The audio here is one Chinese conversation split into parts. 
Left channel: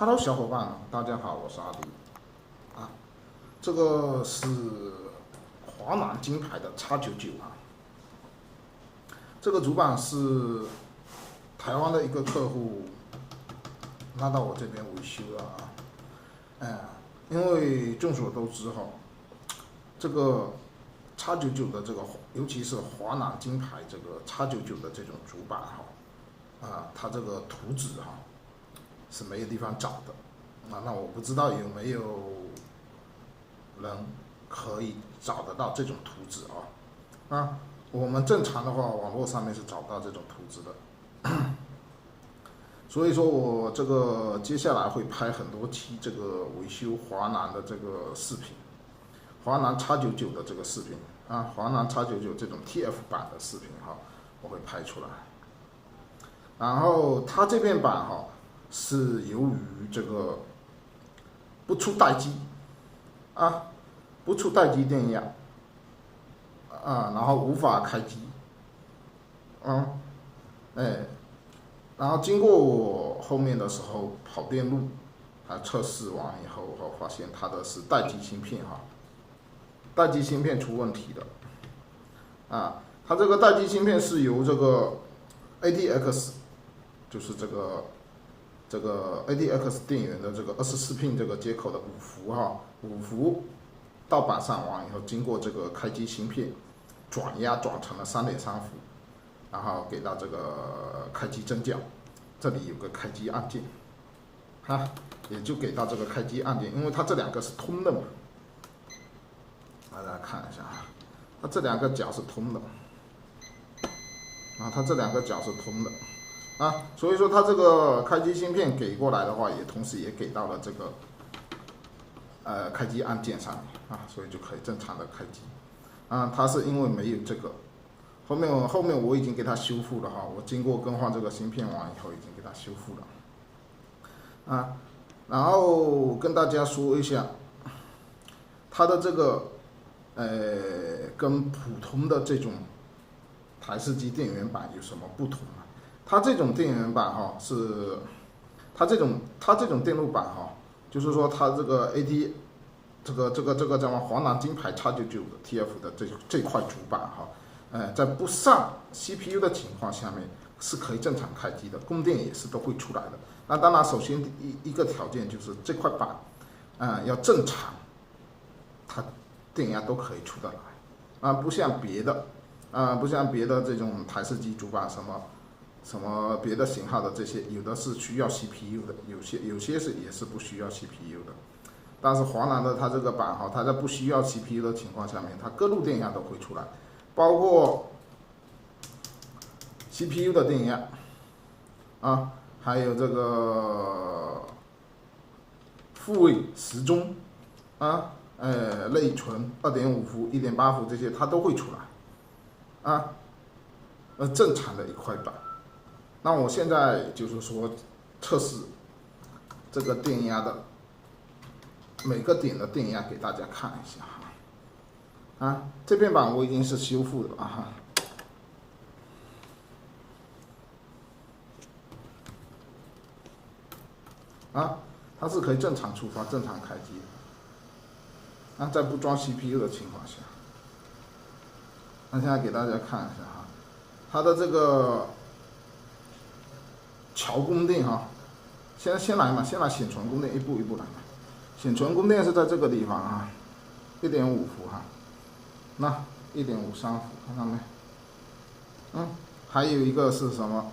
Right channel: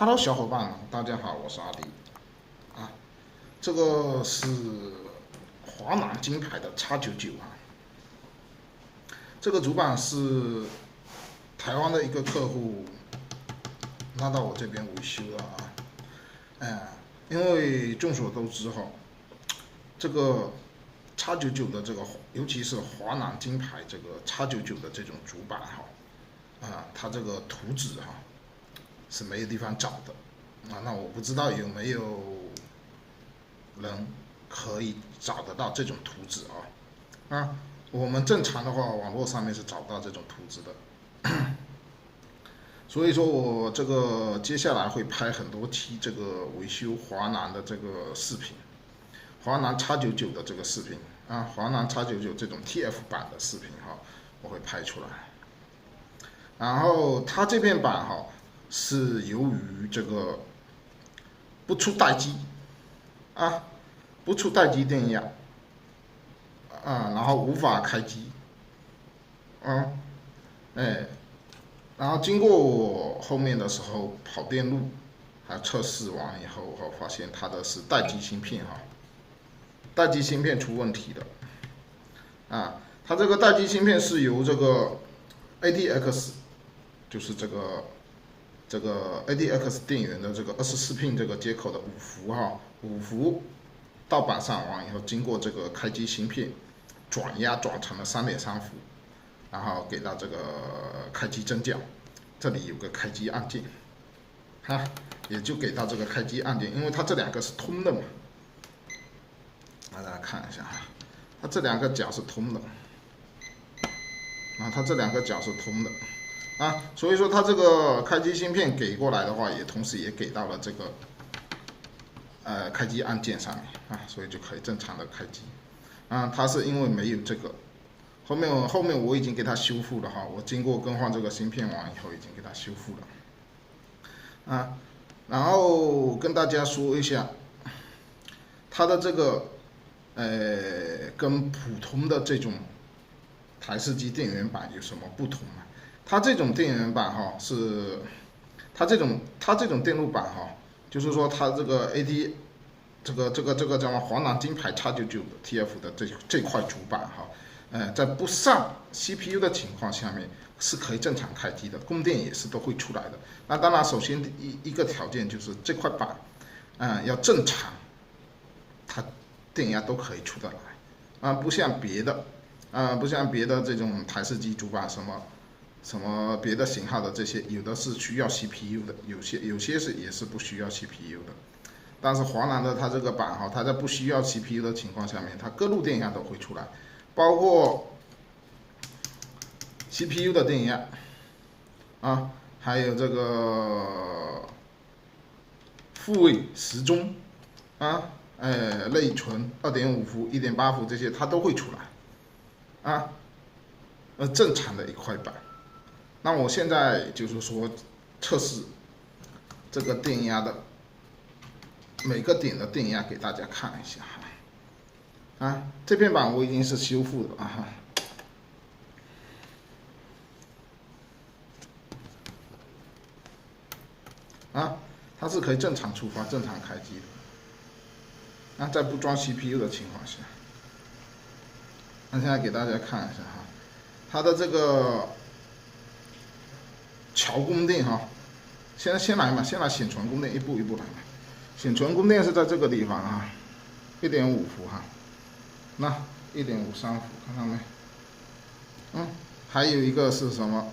Hello，小伙伴们，大家好，我是阿迪。这个是华南金牌的 X99啊，这个主板是台湾的一个客户拉到我这边维修的啊。因为众所周知哈，这个 X99的这个，尤其是华南金牌这个 X99的这种主板哈，它这个图纸哈是没有地方找的那我不知道有没有人可以找得到这种图纸我们正常的话，网络上面是找不到这种图纸的。所以说我这个接下来会拍很多期这个维修华南的这个视频，华南 X99的这个视频华南 X99这种 TF 版的视频我会拍出来。然后它这片板是由于这个不出待机不出待机电压然后无法开机然后经过我后面的时候跑电路测试完以后，我发现它的是待机芯片待机芯片出问题了它这个待机芯片是由这个 ATX 就是这个 ATX 电源的这个24 pin 这个接口的5伏到板上完以后，经过这个开机芯片转压转成了3.3伏，然后给到这个开机针脚，这里有个开机按键也就给到这个开机按键，因为它这两个是通的嘛。大家看一下它这两个角是通的，它这两个角是通的。所以说它这个开机芯片给过来的话，也同时也给到了这个开机按键上面所以就可以正常的开机它是因为没有这个，后面我已经给它修复了我经过更换这个芯片完以后已经给它修复了然后跟大家说一下它的这个跟普通的这种台式机电源板有什么不同它这种电源板它这种电路板就是说它这个 AT 这个叫华南金牌 X99的 TF 的这块主板在不上 CPU 的情况下面是可以正常开机的，供电也是都会出来的。那当然，首先一个条件就是这块板要正常，它电压都可以出得来不像别的这种台式机主板什么别的型号的这些，有的是需要 CPU 的，有些也是不需要 CPU 的。但是华南的它这个板它在不需要 CPU 的情况下面，它各路电压都会出来，包括 CPU 的电压还有这个复位时钟内存 2.5 伏 1.8 伏这些它都会出来正常的一块板。那我现在就是说测试这个电压的每个点的电压给大家看一下这片板我已经是修复的它是可以正常出发正常开机的在不装 CPU 的情况下。那现在给大家看一下它的这个桥供电先来显存供电，一步一步来显存供电是在这个地方1.5伏那1.53伏，看到没？还有一个是什么？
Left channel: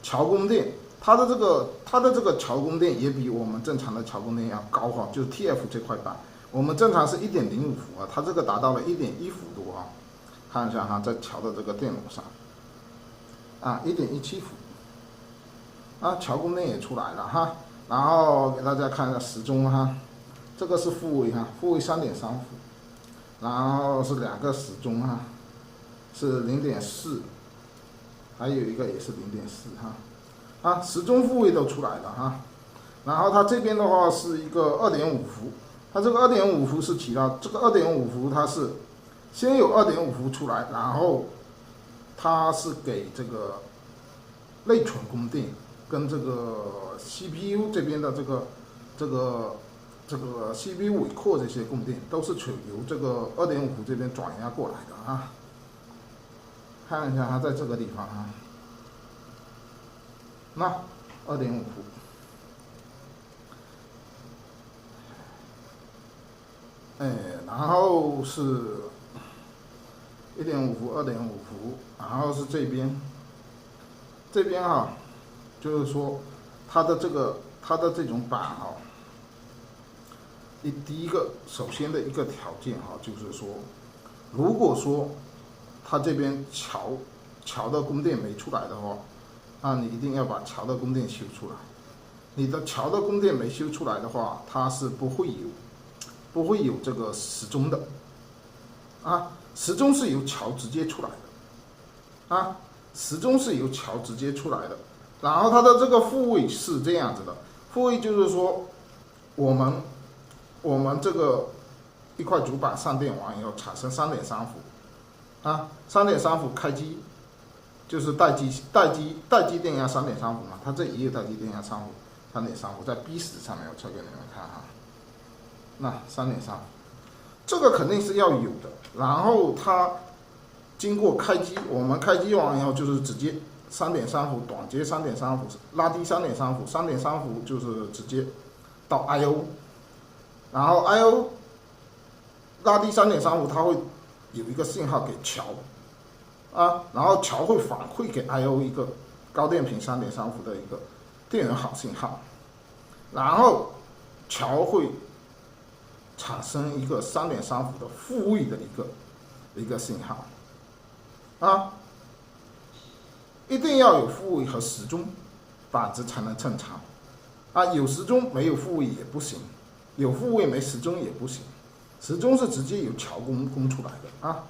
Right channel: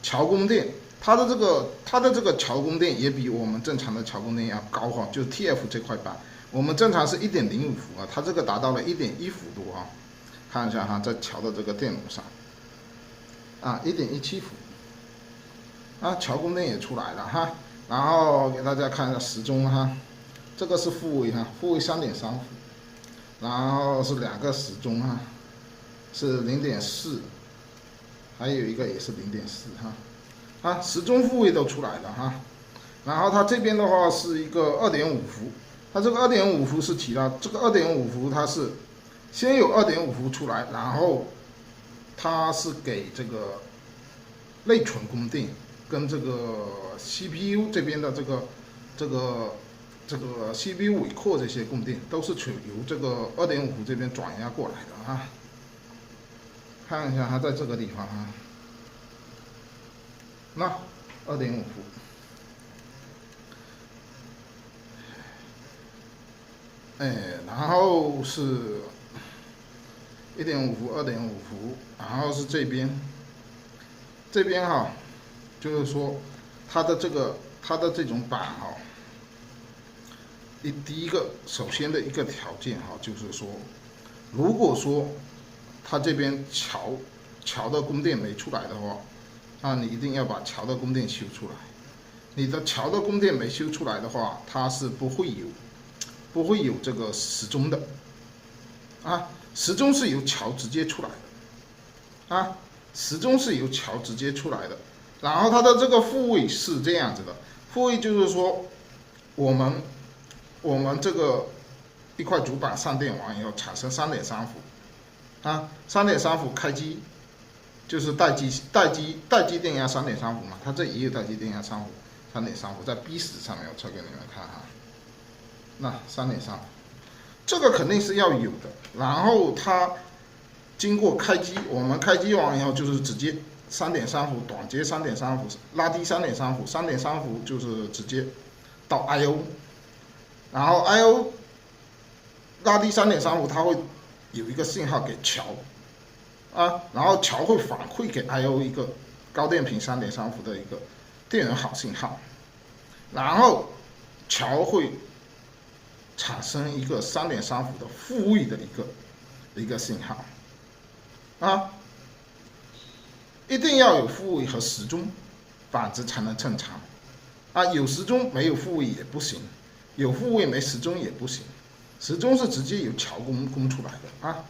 桥供电，它的这个桥供电也比我们正常的桥供电要高就是 TF 这块板，我们正常是1.05伏它这个达到了1.1伏多看一下在桥的这个电路上1.17伏桥供电也出来了然后给大家看一下时钟这个是复位复位 3.3 伏，然后是两个时钟是 0.4， 还有一个也是 0.4时钟复位都出来了然后它这边的话是一个 2.5 伏，它这个 2.5 伏是提到这个 2.5 伏它是先有 2.5 伏出来，然后它是给这个内存供电跟这个 CPU 这边的这个 CPU 尾扩这些供电都是由这个2.5伏这边转压过来的啊。看一下它在这个地方啊，那2.5伏，然后是1.5伏、2.5伏，然后是这边哈，就是说它的这种板哈，第一个首先的一个条件哈，就是说，如果说它这边桥的供电没出来的话，那你一定要把桥的供电修出来。你的桥的供电没修出来的话，它是不会有这个时钟的啊。时钟是由桥直接出来的啊，时钟是由桥直接出来的。然后它的这个复位是这样子的，复位就是说我们这个一块主板上电完以后产生3.3伏啊，3.3伏开机就是待机电压3.3伏嘛，它这也有待机电压3.3伏，在 B10上面我测给你们看哈，那3.3伏，这个肯定是要有的。然后它经过开机，我们开机完以后就是直接3.3伏，短接3.3伏，拉低3.3伏，3.3伏就是直接到 I/O， 然后 I/O 拉低3.3伏，它会有一个信号给桥啊，然后桥会反馈给 I/O 一个高电平3.3伏的一个电源好信号，然后桥会产生一个3.3伏的复位的一个信号啊，一定要有复位和时钟，板子才能正常啊。有时钟没有复位也不行，有复位没时钟也不行，时钟是直接由桥供出来的啊。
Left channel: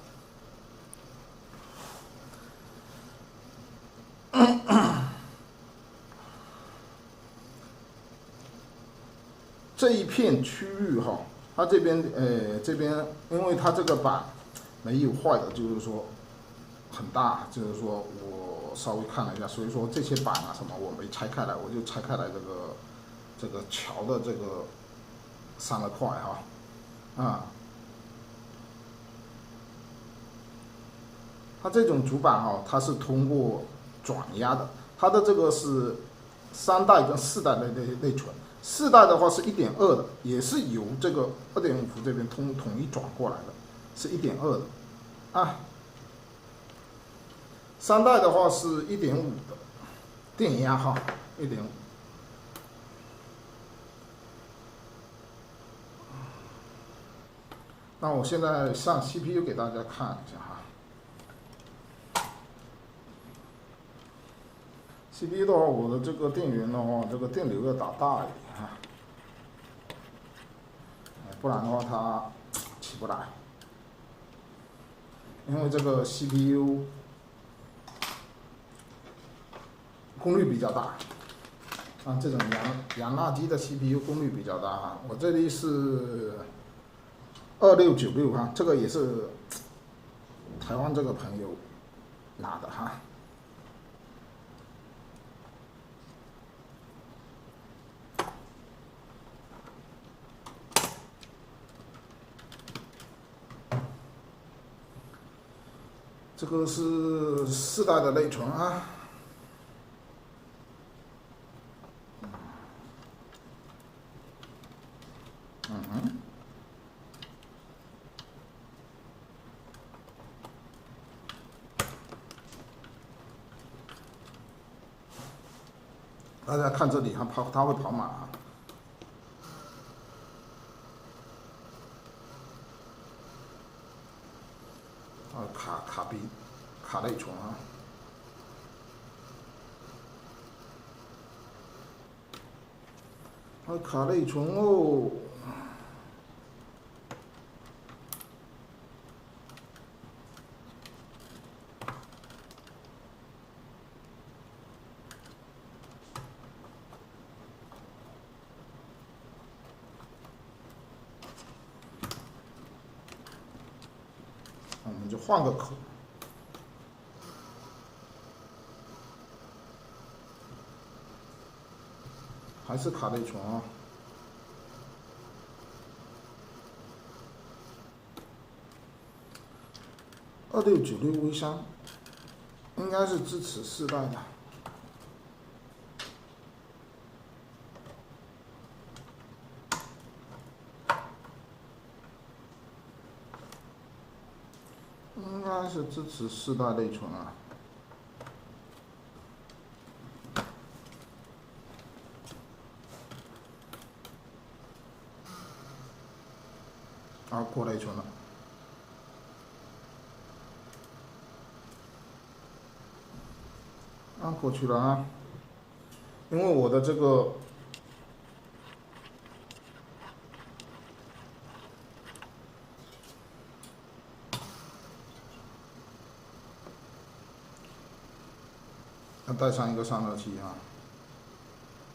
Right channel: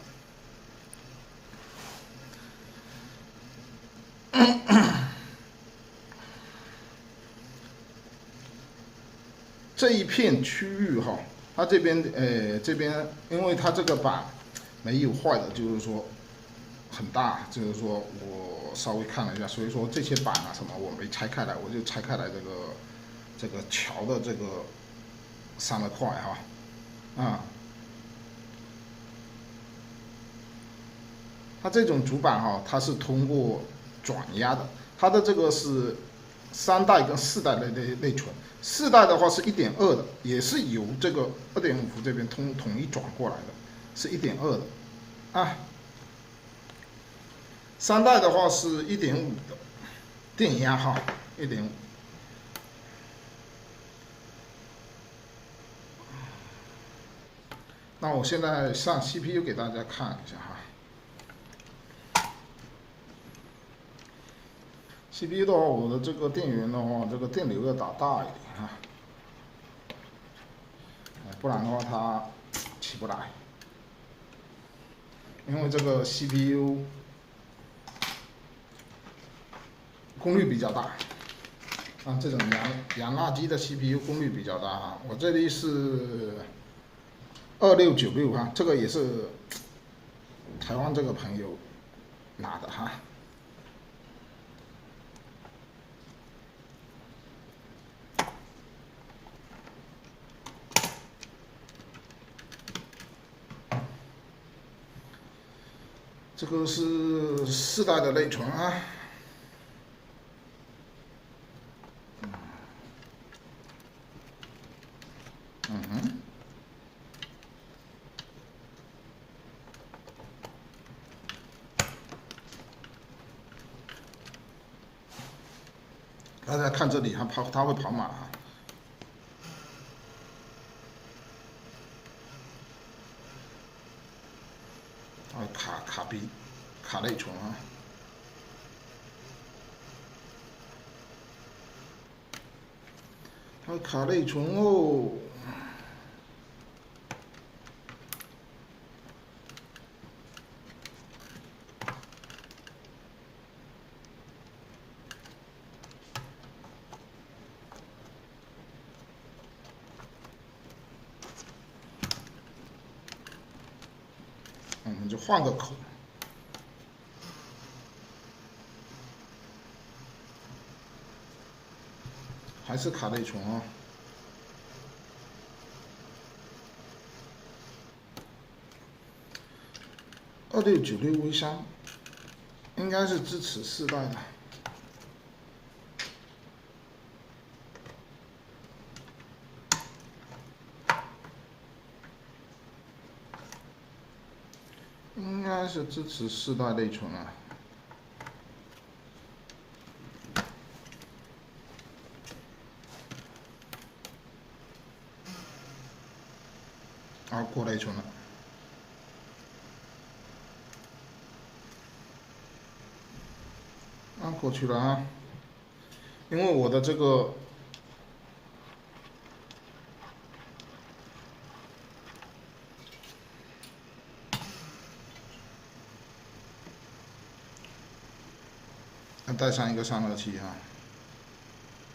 这一片区域哈，它这边因为它这个板没有坏的，就是说很大，就是说我稍微看了一下，所以说这些板啊什么我没拆开来，我就拆开来这个桥的这个3块哈，啊，它这种主板哈，它是通过转压的，它的这个是3代跟4代内存。4代的话是1.2的，也是由这个2.5伏这边统一转过来的，是1.2的啊。3代的话是1.5的电压哈，1.5。那我现在上 CPU 给大家看一下哈。CPU 的话，我的这个电源的话，这个电流要打大一点哈，不然的话它起不来。因为这个 CPU 功率比较大，啊，这种洋垃圾的 CPU 功率比较大。我这里是2696哈，这个也是台湾这个朋友拿的哈。这个是4代的内存啊，大家看这里，它会跑马啊，卡内存啊。它卡内存哦，就换个口。还是卡内存啊。2696V3应该是支持4代的。应该是支持4代内存啊。啊，过内存了。啊，过去了啊。因为我的这个要带上一个散热器啊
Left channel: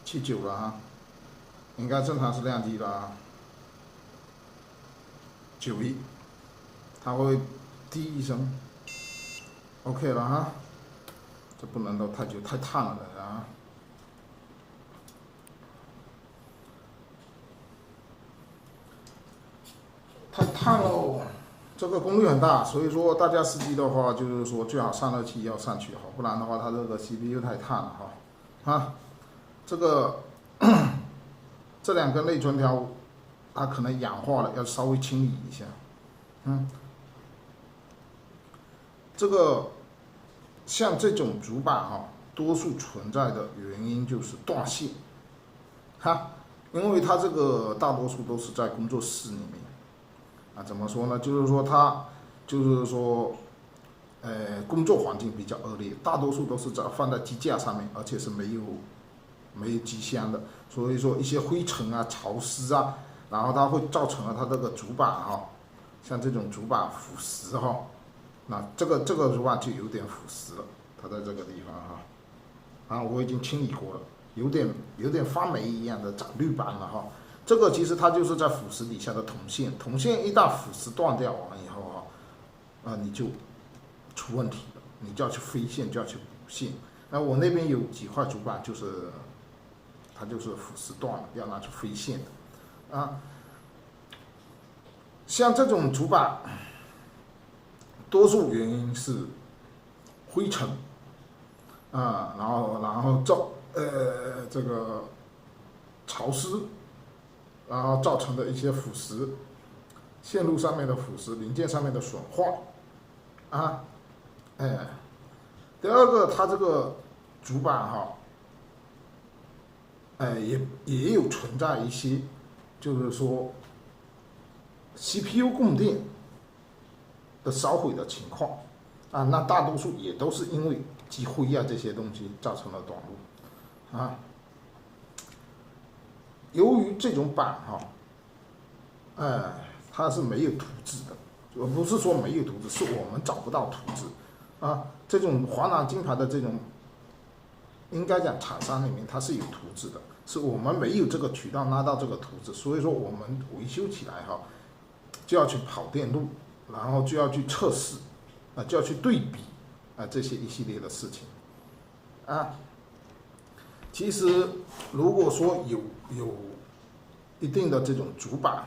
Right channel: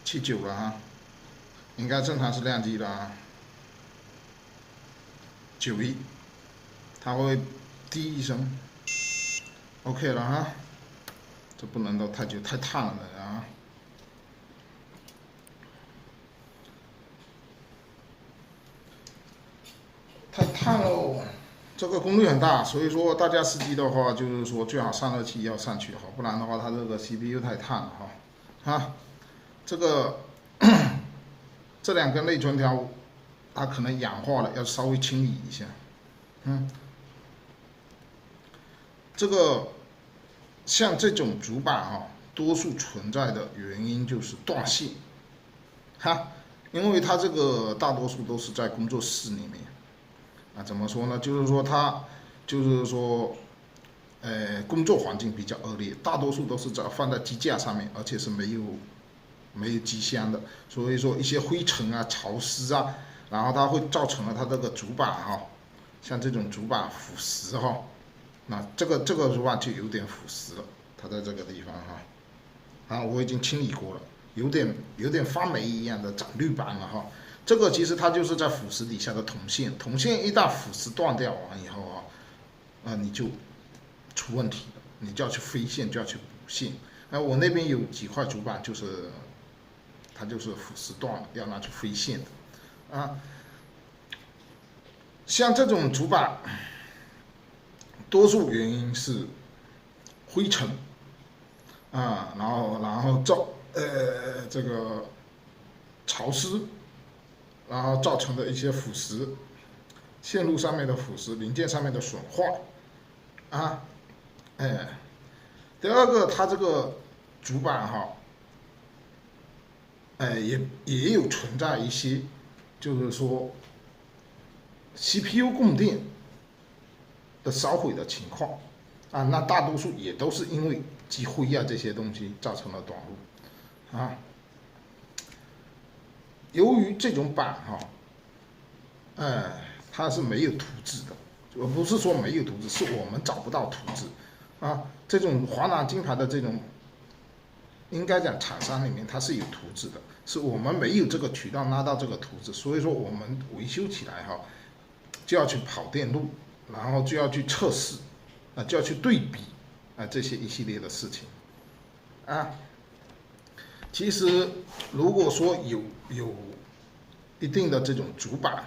，79了啊，应该正常是亮机的啊，91，它会滴一声 ，OK 了哈，这不能都太久，太烫了啊。太烫喽，这个功率很大，所以说大家司机的话，就是说最好散热器要上去好，不然的话它这个 CPU 太烫了哈。啊，这个这2根内存条，它可能氧化了，要稍微清理一下。这个像这种主板哈，多数存在的原因就是断线，哈，因为它这个大多数都是在工作室里面。啊，怎么说呢？就是说它，就是说，工作环境比较恶劣，大多数都是放在机架上面，而且是没有机箱的，所以说一些灰尘啊、潮湿啊，然后它会造成了它这个主板哈，像这种主板腐蚀哈，那这个主板就有点腐蚀了，它在这个地方哈，啊，我已经清理过了，有点发霉一样的长绿斑了哈。这个其实它就是在腐蚀底下的铜线，铜线一旦腐蚀断掉完以后啊，你就出问题了，你就要去飞线，就要去补线。我那边有几块主板，就是它就是腐蚀断了，要拿去飞线的啊。像这种主板，多数原因是灰尘啊，然后这个潮湿。然后造成的一些腐蚀，线路上面的腐蚀，零件上面的损坏，啊，第二个，它这个主板哈，也有存在一些，就是说 CPU 供电的烧毁的情况，啊，那大多数也都是因为积灰啊这些东西造成了短路，啊。由于这种板哈，它是没有图纸的，不是说没有图纸，是我们找不到图纸啊。这种华南金牌的这种，应该讲厂商里面它是有图纸的，是我们没有这个渠道拉到这个图纸，所以说我们维修起来哈，就要去跑电路，然后就要去测试，啊，就要去对比啊这些一系列的事情，啊。其实，如果说有一定的这种主板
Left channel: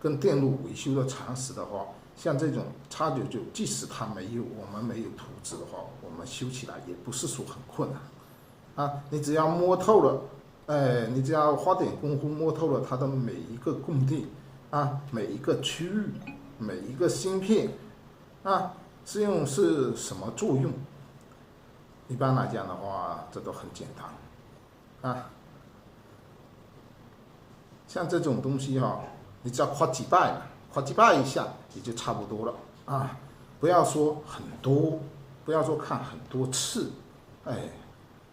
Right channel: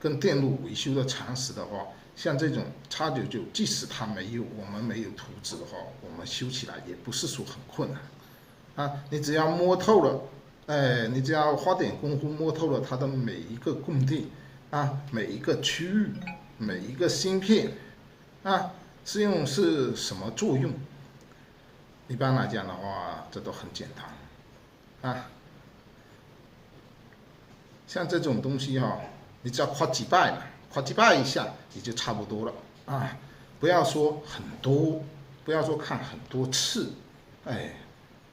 跟电路维修的常识的话，像这种X99，即使它我们没有图纸的话，我们修起来也不是说很困难啊。你只要摸透了，你只要花点功夫摸透了它的每一个供电啊，每一个区域，每一个芯片啊，是什么作用？一般来讲的话，这都很简单。啊，像这种东西哈，你只要夸几拜了，夸几拜一下也就差不多了啊。不要说很多，不要说看很多次，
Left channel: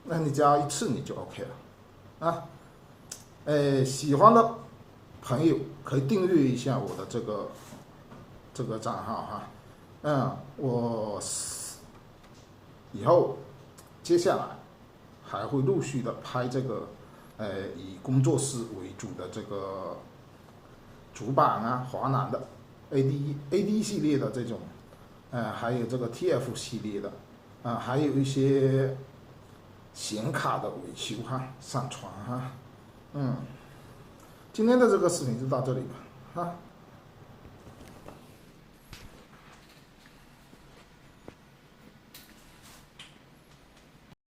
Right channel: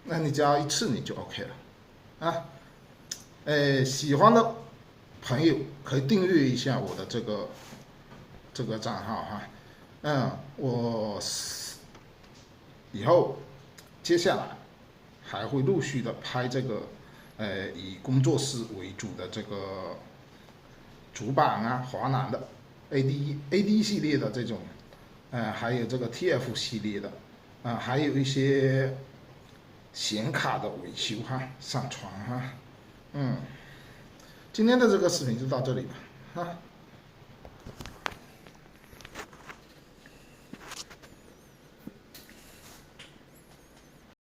那你只要一次你就 OK 了啊。喜欢的朋友可以订阅一下我的这个账号哈，我以后接下来。还会陆续的拍这个，以工作室为主的这个主板啊，华南的 AD 系列的这种，还有这个 TF 系列的，还有一些显卡的维修哈，上传哈，今天的这个视频就到这里吧，啊。